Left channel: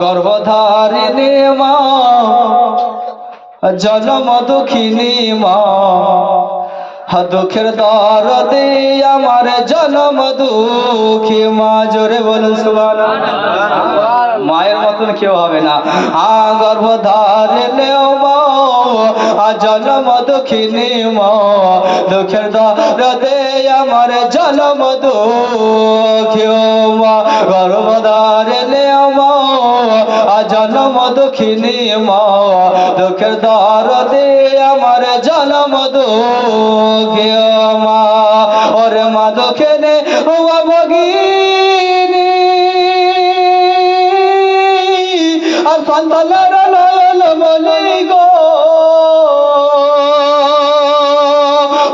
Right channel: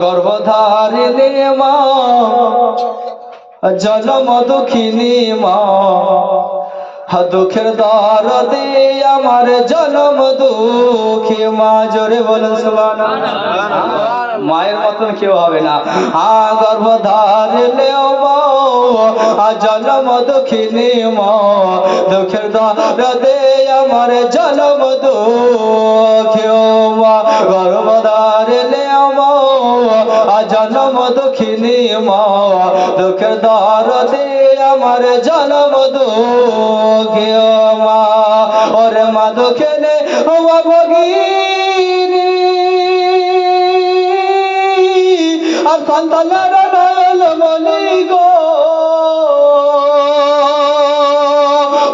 গর্ভধারিণী মা, জনম দুঃখিনী মা, দুঃখের দরদে আমার জনম দুঃখী মা। জোরে বলুন সুবহানাল্লাহ। মায়ের মতন কেউ হবে না। গর্ভধারিণী মা, জনম দুঃখিনী মা, দুঃখের দরদে আমার জনম দুঃখী মা। গর্ভধারিণী মা, জনম দুঃখিনী মা, দুঃখের দরদে আমার জনম দুঃখী মা। ওরে মা দুঃখিনী মা ভগিনী, আর সন্তানের নয়ন মনি গো।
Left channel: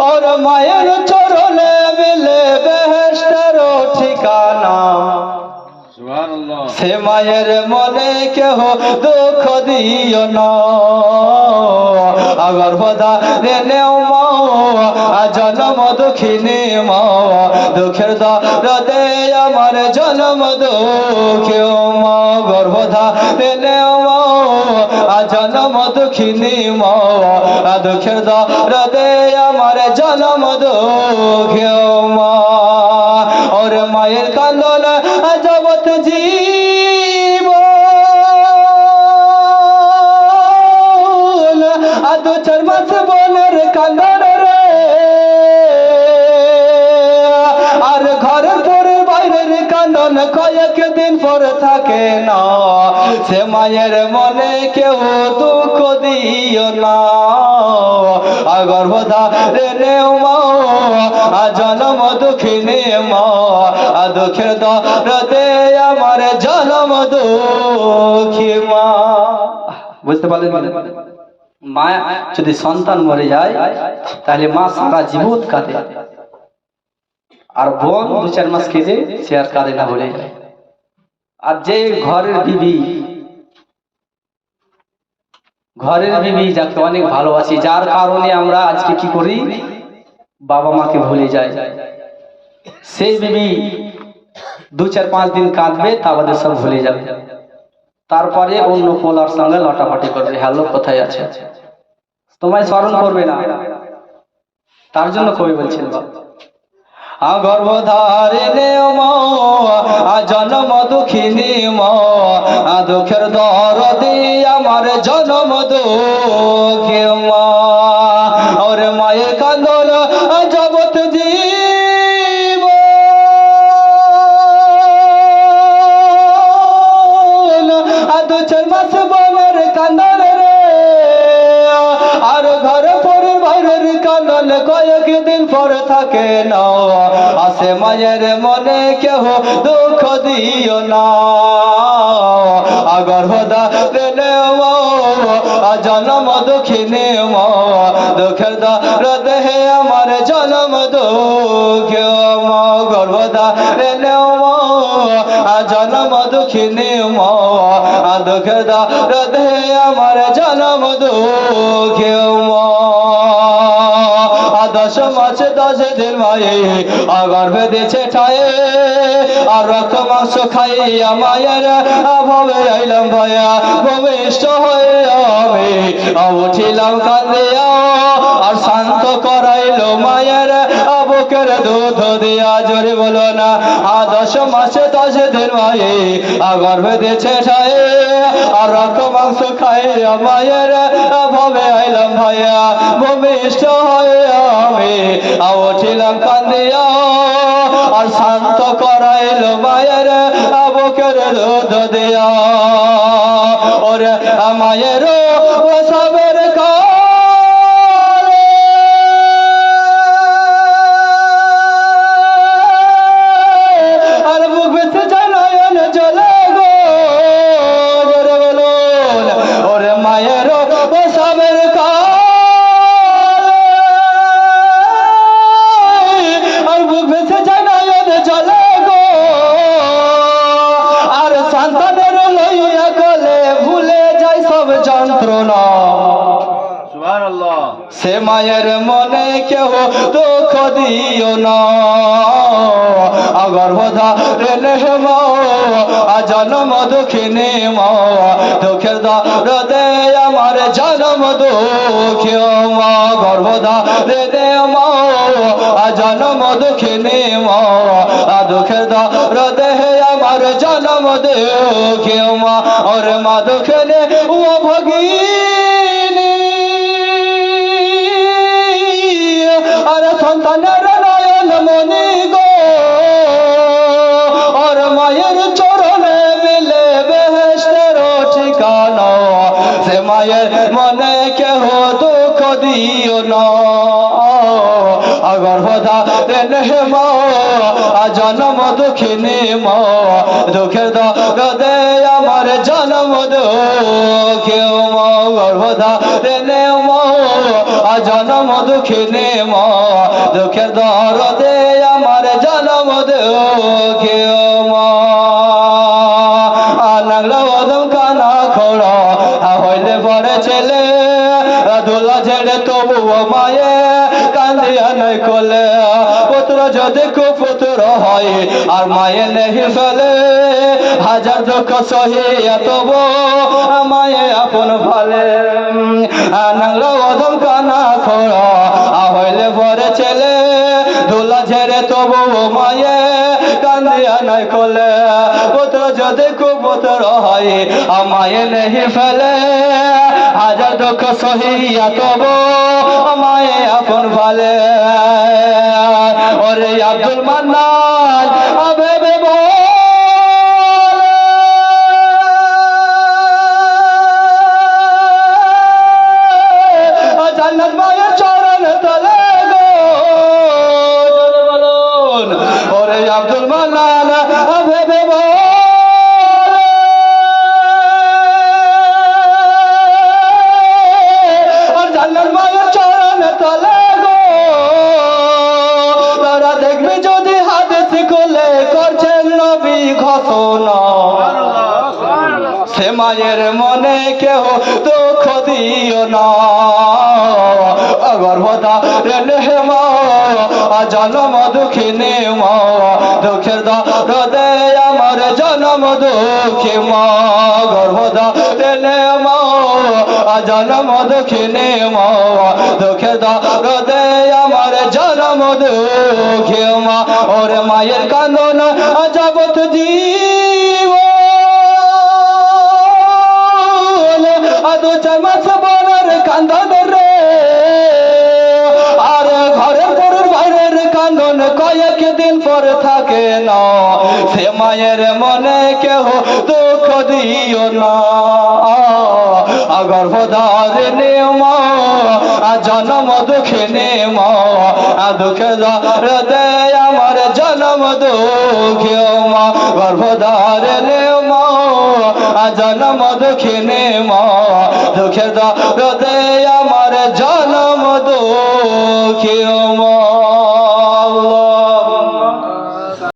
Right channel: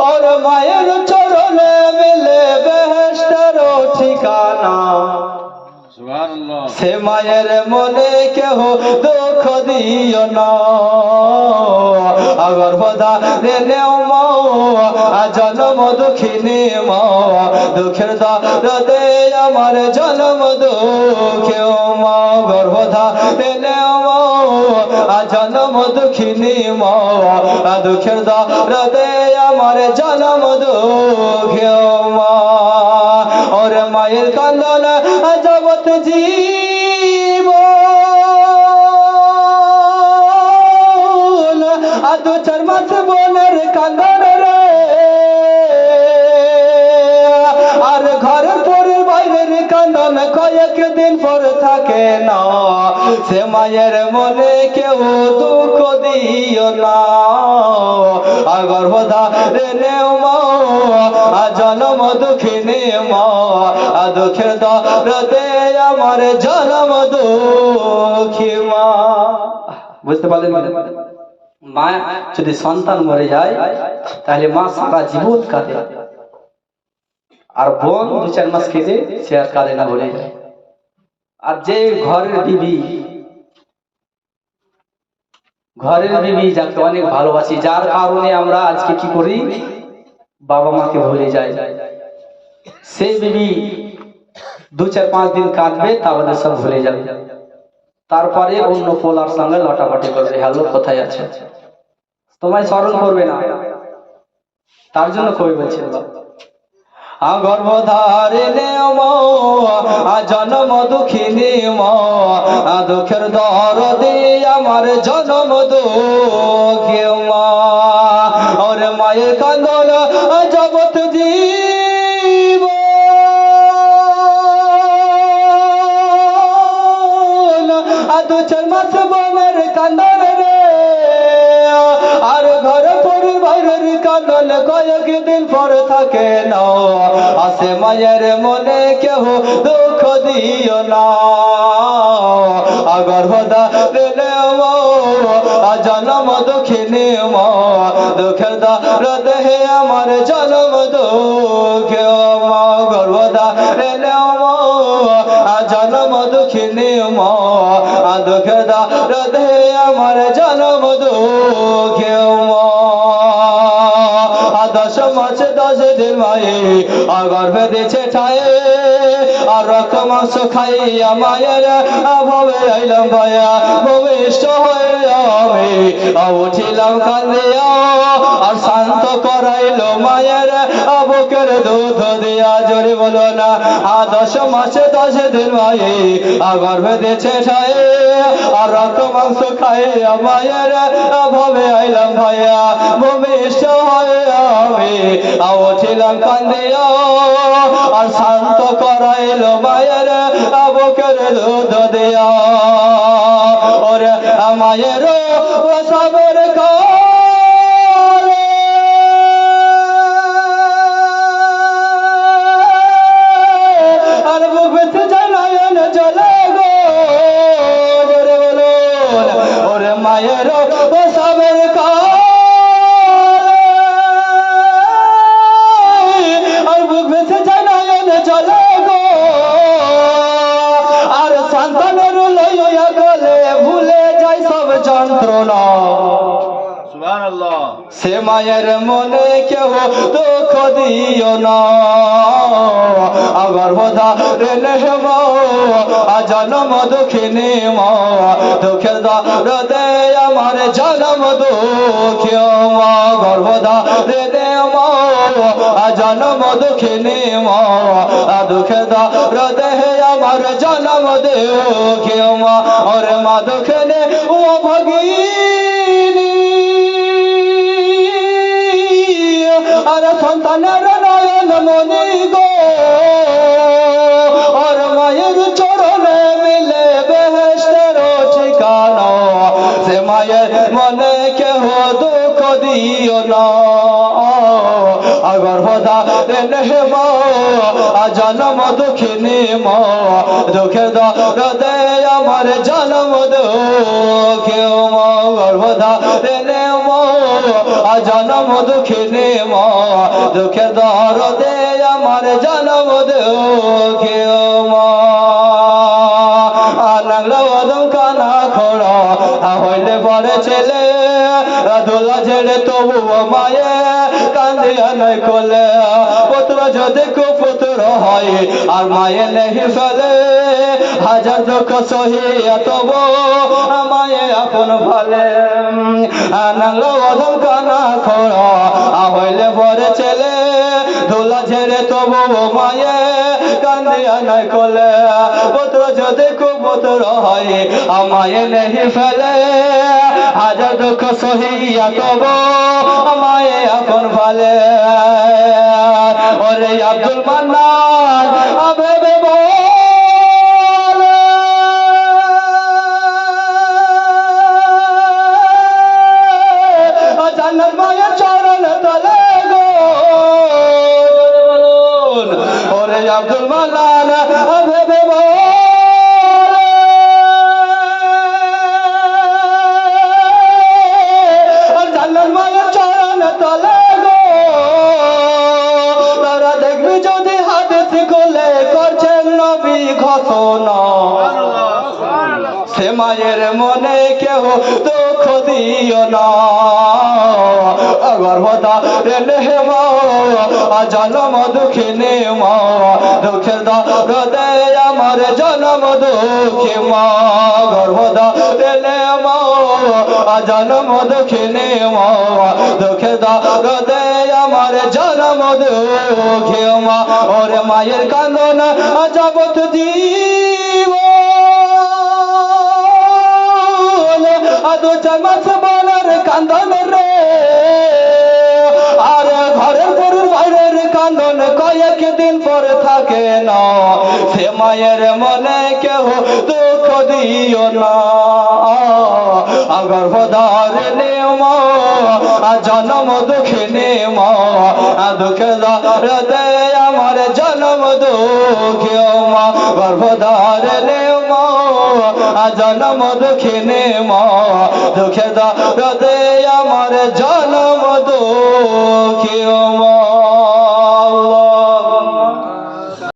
ওরে মায়ের চরণে মিলে বেহেশতের ঠিকানা। সে মায়ের মনে কেহ দুঃখ দিও না। গর্ভধারিণী মা, জনম দুঃখিনী মা, দুঃখের দরদে আমার জনম দুঃখী মা। গর্ভধারিণী মা, জনম দুঃখিনী মা, দুঃখের দরদে আমার জনম দুঃখী মা। ওরে মায়ের কান্দন জগৎ জীব, দু চার মাস বোনের কান্দন রে। আর ঘরের পরে বাইরের কান্দন কয়েকদিন পর থাকে না। সে মায়ের মনে কেউ দুঃখ দিও না। গর্ভধারিণী মা, জনম দুঃখিনী মা, দুঃখের দরদে আমার জনম দুঃখী মা। বুঝতে পারলেন? মা যদি সন্তান মরে যায় তাহলে মা সারা জীবন কাঁদে, আর বোন দু চার মাস কেঁদে সে আর কাঁদে না, বলে যায়। আর যে ঘরের বিবি যাকে অনেক ভালোবাসি, যার কারণে আমরা আজকে কি করি, বাবা মাকে ভুলে যাই, সেই বিবি দু চার পাঁচ দিন কাঁদবে, তাহলে সব ভুলে যাবে। তারপরে অন্য পোলার সঙ্গে লটাপাটি করবে, হ্যালো কোথায় আছে, তোমায় স্মরণ করবে না। তার জন্য কবি বলছেন, গর্ভধারিণী মা, জনম দুঃখিনী মা, দুঃখের দরদে আমার জনম দুঃখী মা। ওরে মায়ের কান্দন জগৎ জীব, দু চার মাস বোনের কান্দন রে। আর ঘরে পরে বাইরের কান্দন কয়েকদিন পর থাকে না। আসে মায়ের মনে কেহ দুঃখ দিও না। গর্ভধারিণী মা, জনম দুঃখিনী মা, দুঃখের দরদে আমার জনম দুঃখী মা। গর্ভধারিণী মা, জনম দুঃখিনী মা, দুঃখের দরদে আমার জনম দুঃখী মা। 10 মাস 10 দিন মায়ে গর্ভে দিয়েছে ঠায়ে, আর রক্ত মাংস খাইয়া মায়ের ভাবে আইলাম ভাইয়া, ভূমিষ্ঠ হয়ে আমি উঠিলাম কান্দিয়া, আর শান্ত করাইল মায়ের বুকের দুধ দিয়া। জোরে বলো না। 10 মাস 10 দিন মায়ে গর্ভে দিয়েছে ঠায়ে, আর রক্ত মাংস খাইয়া মায়ের ভাবে আইলাম ভাইয়া, ভূমিষ্ঠ হয়ে আমি উঠিলাম কান্দিয়া, আর শান্ত করাইল মায়ের বুকের দুধ দিয়া। ওরে মায়ের সবের কালে, আর বুক বেঁচে যায় নয়ন জলে গো। জোরে বলুন। ওরে মায়ের সবের কালে, আর বুক বেঁচে যায় নয়ন জলে গো। আর সন্তানের লইয়া গেলে ভুলে যায় সব যন্ত্রণা। সুবহানাল্লাহ। সে মায়ের মনে কেউ দুঃখ দিও না। গর্ভধারিণী মা, জনম দুঃখিনী মা। দুঃখের দরদে আমার জনম দুঃখী মা গর্ভধারে দে মা জনম দুঃখিনী মা দুঃখের দরদে আমার জনম দুঃখী মা ওরে মা দুঃখিনী ও ভগিনী আরে সন্তানের নয়ন মনি গো ওর মায়ের চরণে মিলে বেহেশতের ঠিকানা সে মায়ের মনে কেহ দুঃখ দিও না গর্ভদা রে মা জনম দুঃখিনী মা দুঃখের দরদে আমার জনম দুঃখী মা গর্ভদা রে মা জনম দুঃখিনী মা দুঃখের দরদে আমার জনম দুঃখী মা নাংলা বাদম কানা খোড়া হইলে পরে ছেলে দোলা ঝেড়ে তবু মায়ে কান্দিয়া নাই কোলে পুত্র যদি কুপুত্র হয় আর মায়ে নেহি ফেলে হাজার দুঃখ সহিয়া তবু মায়ে আপন ভালে নাংলা বাদম কানা খোড়া হইলে পরে ছেলে দোলা ঝেড়ে তবু মায়ে কান্দিয়া নাই কোলে পুত্র যদি কুপুত্র হয় মায়ে নেহি ফেলে হাজার দুঃখ সহিয়া তবু মায়ে আপন ভালে ওরে আব্দুল মান্নান আবেবে জান্নাত মায়ের চরণ তলে গো বলুন ওরে আব্দুল মান্নান আবেবে জান্নাত মায়ের চরণ তলে গো তারা দেখবি যদি হাদিস খুলে করছেন নবী ঘোষণা সে মায়ের মনে কেউ দুঃখ দিও না গর্ভদা রে মা জনম দুঃখিনী মা দুঃখের দরদে আমার জনম দুঃখী মা গর্ভদা রে মা জনম দুঃখিনী মা দুঃখের দরদে আমার জনম দুঃখী মা ওরে মায়ের কান্দনা জগৎ জীব আদো চামাস বলার কান্দন রে আর ঘরের গরুর বাইরের কান্দন কয়েক দিন পর থাকে না সে মায়ের মনে কেউ দুঃখ দিও না গর্ভধারিণী মা জনম দুঃখিনী মা দুঃখের দরদে আমার জনম দুঃখী মা গর্ভধারিণী মা জনম দুঃখিনী মা দুঃখের